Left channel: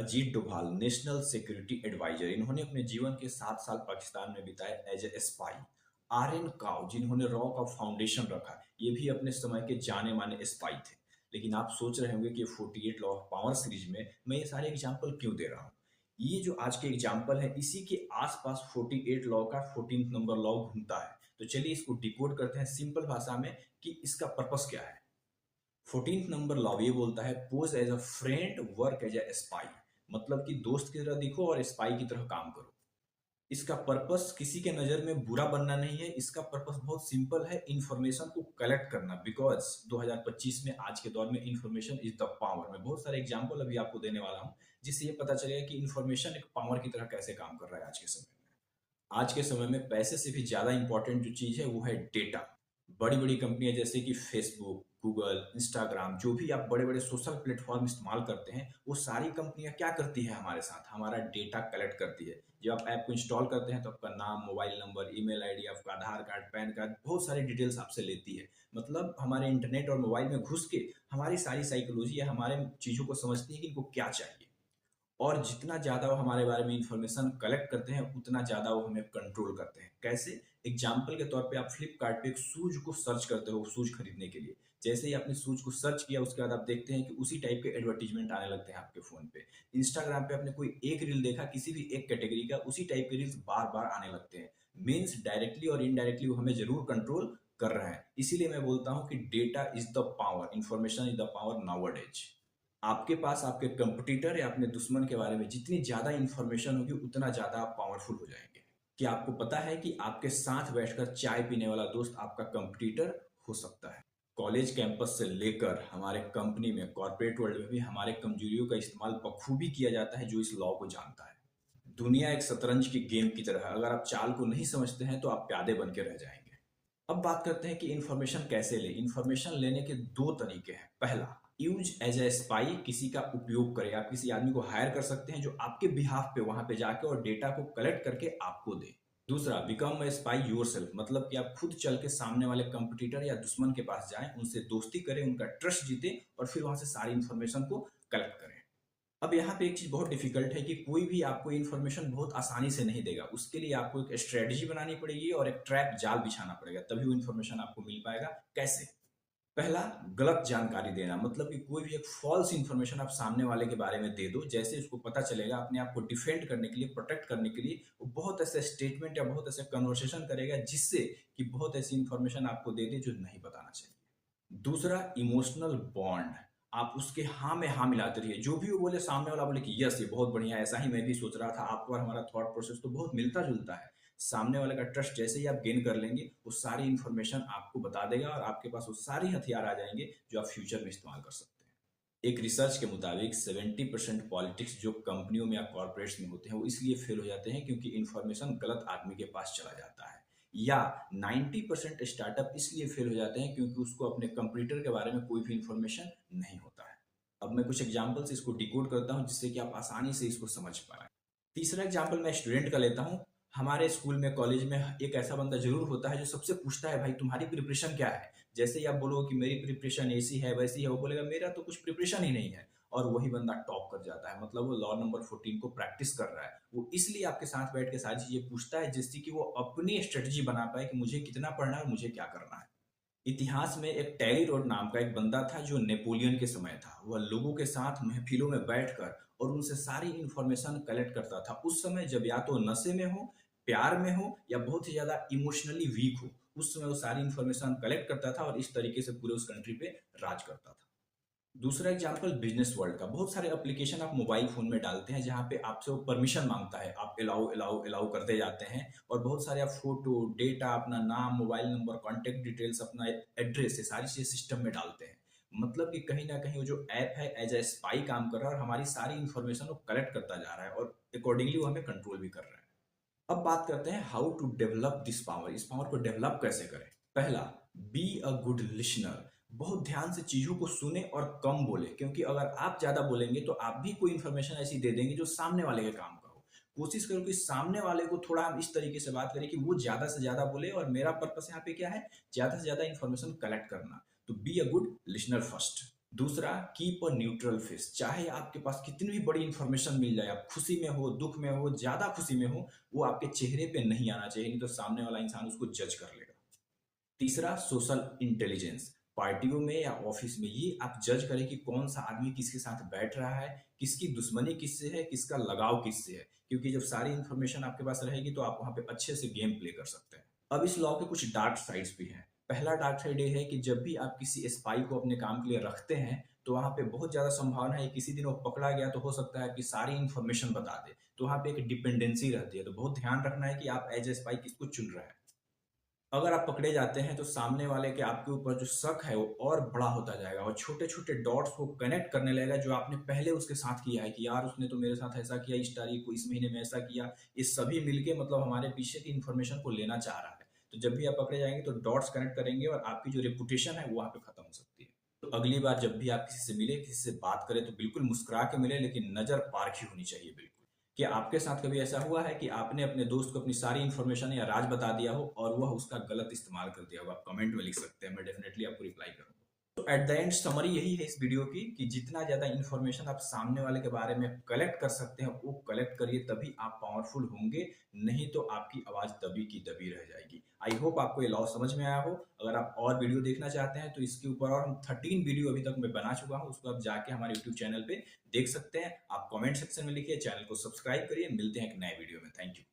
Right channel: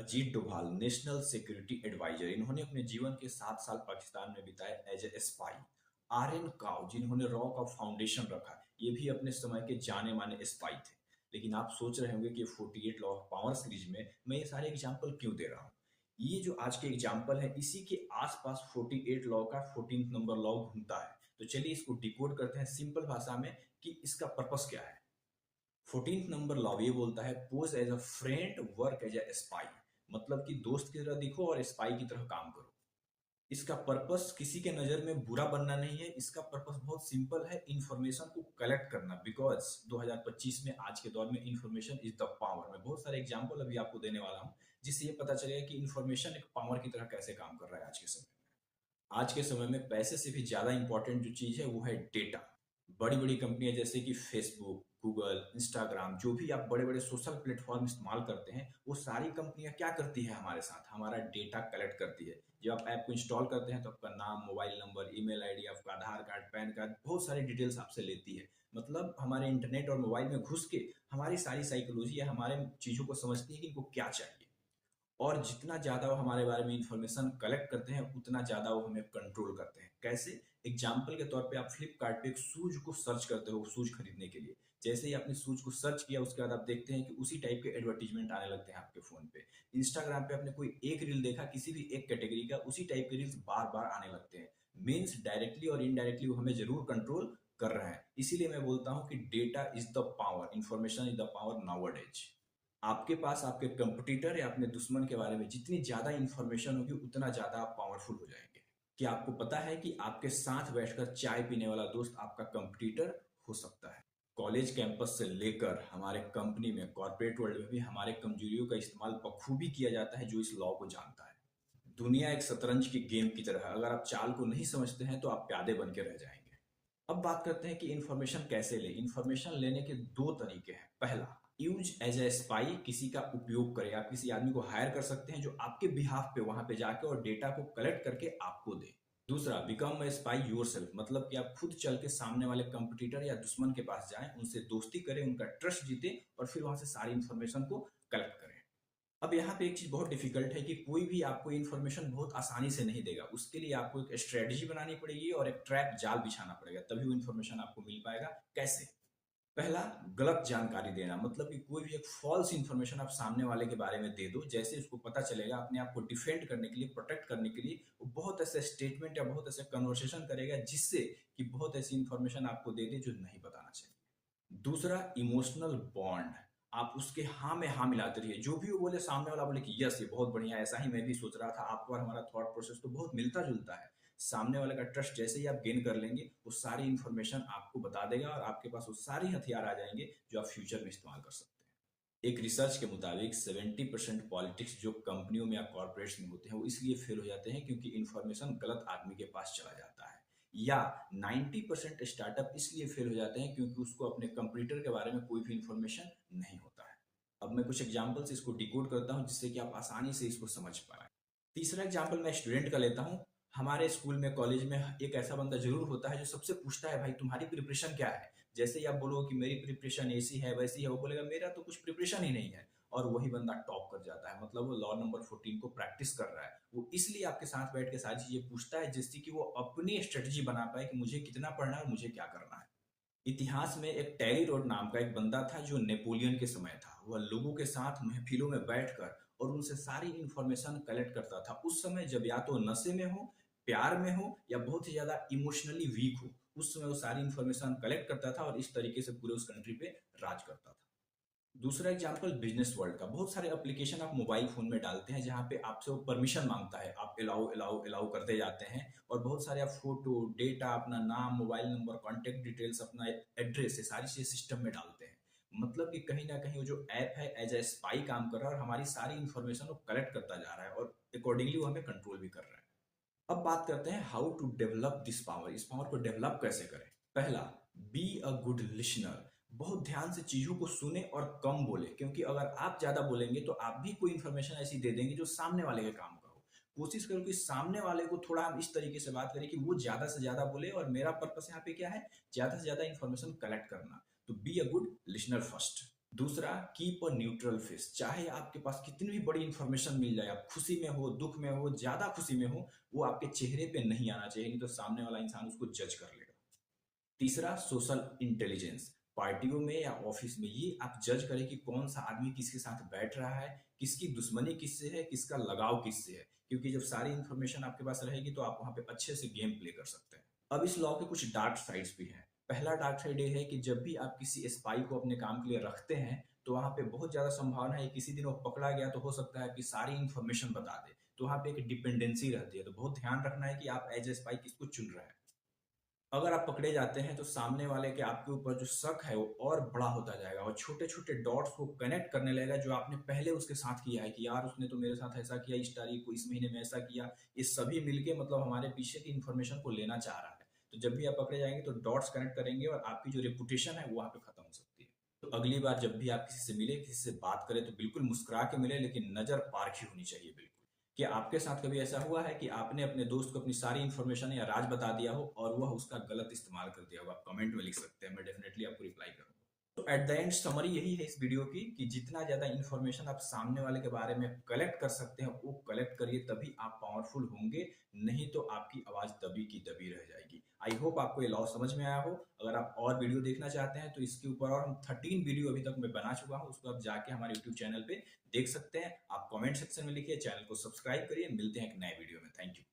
Ajit Doval national security advisor, इन्होंने अपने जीवन के 7 साल पाकिस्तान में बिताए as a spy. R N Kao, जिन्होंने रॉ का फाउंडेशन रखा, ये भी अपने समय के जाने माने स्पाई थे। लेकिन आप सोच रहे होंगे कि 48 लॉ ऑफ पावर सीरीज में मैं ये सारे एग्जाम्पल क्यों दे रहा हूँ। ये जो आज के एग्जाम्पल है, इसी के आसपास 48 लॉ का 14 नंबर लॉ घूमता है। तो चलिए इसको डिकोड करते हैं सिंपल भाषा में कि इसका पर्पस क्या है। 14th नंबर लॉ ये बोलता है, pose as a friend, work as a spy. मतलब कि दोस्त की तरह दिखो और स्पाई की तरह काम करो। इसका पर्पस किसी के नजर में बुरा बनना नहीं है, इसका पर्पस बहुत सिंपल है, इंफॉर्मेशन को कलेक्ट करना। बिकॉज 2025 में आज के दौर में इंफॉर्मेशन इज द पावर। मैं बहुत सारे एग्जांपल अभी आपको देने वाला हूं, जिससे ये पता चलेगा कि इंफॉर्मेशन एक पावर की तरह कैसे काम कर रहा है आज के समय में। आज के समय में पैसे से भी ज्यादा इंपॉर्टेंट जो चीज है वो है डेटा। बड़ी बड़ी कंपनियां जैसे कि फेसबुक, गूगल, इंस्टाग्राम, जो भी आप बड़े बड़े सोशल प्लेटफॉर्म इस्तेमाल करते हैं, वो सारी कंपनियां क्या करती है, हमारे साथ हमारा डेटा कलेक्ट करती है। जब आप ऐप को इंस्टॉल करते हैं तो आपका नाम, मोबाइल नंबर, ईमेल आईडी, आपका आधार कार्ड, पैन कार्ड, बहुत सारी डिटेल्स आपसे लेती है। मतलब हमारे इंटरनेट और मोबाइल में घुस के हमारी सारी साइकोलॉजी या हमारे चीजों को समझती है कि इनको क्या चाहिए। और जितना ज़्यादा वो हमारे बारे में इंफॉर्मेशन कलेक्ट करते हैं, उतना ज़्यादा वो हमें कंट्रोल करते हैं। कैसे? एग्जाम्पल के तौर पे आप फ्लिपकार्ट पे एक शूज को सर्च करते हो शूज खरीदने के लिए। जैसे ही आपने शूज को सर्च किया, उसके बाद आप देखते हैं कि उसी टाइप के एडवर्टीजमेंट आने लगते हैं आपके फोन पे। इंस्टाग्राम पे आपने कोई एक रील देखा किसी भी एक कैटेगरी का, उसी टाइप के रील्स बार बार आने लगते हैं। मीन्स डायरेक्टली और इनडायरेक्टली वो हमें जरूर कंट्रोल कर रहे हैं। इसीलिए मैं बोलता हूँ कि data is the power, information is the power nowadays. आपके पास आपके कंपटीटर या अपने दुश्मन के बारे में जितनी ज्यादा इंफॉर्मेशन होगी, उतना ज्यादा आप पावरफुल हो जाएंगे। क्या आपको पता है कि आपके साथ बैठकर चाय पीने वाला दोस्त आपका कंपटीटर हो सकता है? कॉलेज कैंपस से लेकर हमारे कंपनी में, कॉर्पोरेट वर्ल्ड में भी हमारे कमजोरियों का इस्तेमाल बखूबी किया जाता है, जो इस लॉ को जानता है। दुनिया एक शतरंज की गेम की तरह है, अगर आप चाल को नहीं समझते हैं तो आप प्यादे बन के रह जाएंगे। अब बात करते हैं कि इंफॉर्मेशन कैसे ले। इंफॉर्मेशन लेने के दो तरीके हैं। पहला, यूज एज ए स्पाई, किसी का उपयोग करें। आप किसी आदमी को हायर कर सकते हैं जो आपके बिहाफ पे वहां पे जाके और डेटा को कलेक्ट करके आपको दे। दूसरा, बिकम ए स्पाई योरसेल्फ, मतलब कि आप खुद चल के सामने वाले कंपटीटर या दुश्मन के पास जाएं, उनसे दोस्ती करें, उनका ट्रस्ट जीते और फिर वहां से सारी इंफॉर्मेशन को कलेक्ट करें। अब यहाँ पे एक चीज बहुत डिफिकल्ट है कि कोई भी आपको इन्फॉर्मेशन बहुत आसानी से नहीं देगा। उसके लिए आपको एक स्ट्रेटजी बनानी पड़ेगी और एक ट्रैप जाल बिछाना पड़ेगा, तभी वो इन्फॉर्मेशन आपको मिल पाएगा। कैसे? पहला, गलत जानकारी देना। मतलब कि कोई भी एक फॉल्स इन्फॉर्मेशन आप सामने वाले के बारे में दे दो, जैसे उसको पता चलेगा, अपने आप को डिफेंड करने के लिए, प्रोटेक्ट करने के लिए वो बहुत ऐसे स्टेटमेंट या बहुत ऐसे कन्वर्सेशन करेगा, जिससे कि बहुत ऐसी इन्फॉर्मेशन आपको दे दे जो नहीं बताना चाहिए। दूसरा, इमोशनल बॉन्ड। आप उसके हाँ में हाँ मिलाते रहिए, जो भी वो बोले, सामने वाला बोले कि यस ये बहुत बढ़िया, ऐसा ही मैं भी सोच रहा था। आपको और हमारा थॉट प्रोसेस तो बहुत मिलता जुलता है। सामने वाले का ट्रस्ट जैसे ही आप गेन कर लेंगे, वो सारी इंफॉर्मेशन आपको बता देगा और आपके पास वो सारी हथियार आ जाएंगे जो आप फ्यूचर में इस्तेमाल कर सकते हैं। एक रिसर्च के मुताबिक 70% पॉलिटिक्स जो कंपनियों में या कॉर्पोरेट्स में होते हैं, वो इसलिए फेल हो जाते हैं क्योंकि इंफॉर्मेशन गलत आदमी के पास चला जाता है। या 90% स्टार्टअप इसलिए फेल हो जाते हैं क्योंकि उसको अपने कंप्यूटर के बारे में कोई भी इंफॉर्मेशन नहीं होता है। अब मैं कुछ एग्जांपल से इसको डिकोड करता हूं, जिससे कि आप आसानी से इसको समझ पाए। तीसरा एग्जांपल मैं स्टूडेंट का लेता हूं। हमारे स्कूल में, कॉलेज में एक ऐसा बंदा जरूर होता है जो सबसे पूछता है, भाई तुम्हारी प्रिपरेशन क्या है। जैसे ही आप बोलो कि मेरी प्रिपरेशन ऐसी है वैसी है, वो बोलेगा मेरा तो कुछ प्रिपरेशन ही नहीं है। और वही बंदा टॉप कर जाता है। मतलब वो लॉ नंबर 14 को प्रैक्टिस कर रहा है। वो इसलिए आपके साथ बैठ के सारी चीजें पूछता है, जिससे कि वो अपनी स्ट्रेटजी बना पाए कि मुझे कितना पढ़ना है और मुझे क्या करना है। इतिहास में एक टैली रोड नाम का एक बंदा था जो नेपोलियन के समय था। वह लोगों के साथ महफिलों में बैठकर और उनसे सारी इंफॉर्मेशन कलेक्ट करता था। उस समय जब या तो नशे में हो, प्यार में हो, या बहुत ही ज्यादा इमोशनली वीक हो, उस समय वो सारी इंफॉर्मेशन कलेक्ट करता था और इस तरीके से पूरे उस कंट्री पे राज करता था। दूसरा एग्जांपल बिजनेस वर्ल्ड का। बहुत सारे एप्लीकेशन आप मोबाइल फोन में डालते हैं, जहां पे आपसे वो परमिशन मांगता है, आप अलाउ अलाउ अलाउ करते जाते हैं। और बहुत सारे आप फोटो, डेटा, अपना नाम, मोबाइल नंबर, कॉन्टेक्ट डिटेल्स, अपना एड्रेस, ये सारी चीजें सिस्टम में डालते हैं। मतलब कि कहीं ना कहीं वो जो ऐप है एज ए स्पाई काम कर रहा है और हमारी सारी इंफॉर्मेशन वो कलेक्ट करता जा रहा है और अकॉर्डिंगली वो हमें कंट्रोल भी कर रहा है। अब बात करते हैं how to develop this power. इस पावर को डेवलप कैसे करें। पहला, बी अ गुड लिसनर। बहुत ध्यान से चीजों को सुने और कम बोले, क्योंकि अगर आप ज्यादा बोलेंगे तो आप भी कोई इंफॉर्मेशन ऐसी दे देंगे जो सामने वाले के काम का हो। कोशिश करो कि सामने वाले को थोड़ा हम इस तरीके से बात करें कि वो ज्यादा से ज्यादा बोले, और मेरा पर्पस यहाँ पे क्या है, ज्यादा से ज्यादा इंफॉर्मेशन कलेक्ट करना। तो be a good listener first. दूसरा, कीप अ न्यूट्रल फेस। चाहे आपके पास कितनी भी बड़ी इंफॉर्मेशन मिल जाए, आप खुशी में हो, दुख में हो, ज्यादा खुशी में हो, वो आपके चेहरे पे नहीं आना चाहिए, नहीं तो सामने वाला इंसान उसको जज कर लेगा। तीसरा, सोशल इंटेलिजेंस। पार्टियों में या ऑफिस में ये आप जज करें कि कौन सा आदमी किसके साथ बैठ रहा है, किसकी दुश्मनी किससे है, किसका लगाव किससे है, क्योंकि जब सारी इंफॉर्मेशन आपके पास रहेगी तो आप वहां पे अच्छे से गेम प्ले कर सकते हैं। अब इस लॉ के कुछ डार्क साइड्स भी हैं। पहला डार्क साइड ये है कि जब भी आप किसी स्पाई को अपने काम के लिए रखते हैं तो वहां पे बहुत ज्यादा संभावना है किसी दिन वो पकड़ा गया तो हो सकता है कि सारी इंफॉर्मेशन बता दे, तो वहां पे एक डिपेंडेंसी रहती है। तो बहुत ध्यान रखना है कि आप एज ए स्पाई किसको चुन रहे हैं। अगर आप पकड़े जाते हैं तो सामने वाले के आपके ऊपर जो शक है वो और बड़ा होता जाएगा और छोटे छोटे डॉट्स को कनेक्ट करने लगेगा जो आपने पहले उसके साथ किया है कि यार उसने तो मेरे साथ ऐसा किया, इस तारीख को, इस महीने में ऐसा किया। ये सभी मिलके मतलब हमारे पीछे की इन्फॉर्मेशन को लेना चाह रहा है। तो जब भी आप पकड़े जाएंगे तो डॉट्स कनेक्ट करेंगे और आपकी जो रेपुटेशन है वो वहां पे खत्म हो सकती है। तो अगली बार जब भी आप किसी से मिले, किसी से बात करें तो बिल्कुल मुस्कुरा के मिले, लेकिन नजर पारखी होनी चाहिए बिल्कुल। क्या आपके साथ कभी ऐसा हुआ है कि आपने अपने दोस्त को अपनी सारी इंफॉर्मेशन या राज बता दिया हो और वह उसका गलत इस्तेमाल कर दिया हो? आप कमेंट में लिख सकते हैं, मैं डेफिनेटली आपको रिप्लाई करूंगा। तो एट द एंड समरी यही है इस वीडियो की कि जितना ज्यादा इंफॉर्मेशन आप सामने वाले के बारे में कलेक्ट कर सकते हैं वो कलेक्ट करिए, तभी आप पावरफुल होंगे। नहीं तो आपकी आवाज दबी की दबी रह जाएगी। आई होप आपको ये लॉ समझ में आया हो। अगर आप और वीडियो देखना चाहते हैं तो इसके ऊपर और हम 13 वीडियो अभी तक मैं बना चुका हूँ, उसको आप जाके हमारे यूट्यूब चैनल पे देख सकते हैं। आप कमेंट सेक्शन में लिखिए, चैनल को सब्सक्राइब करिए। मिलते हैं एक नए वीडियो में। Thank you.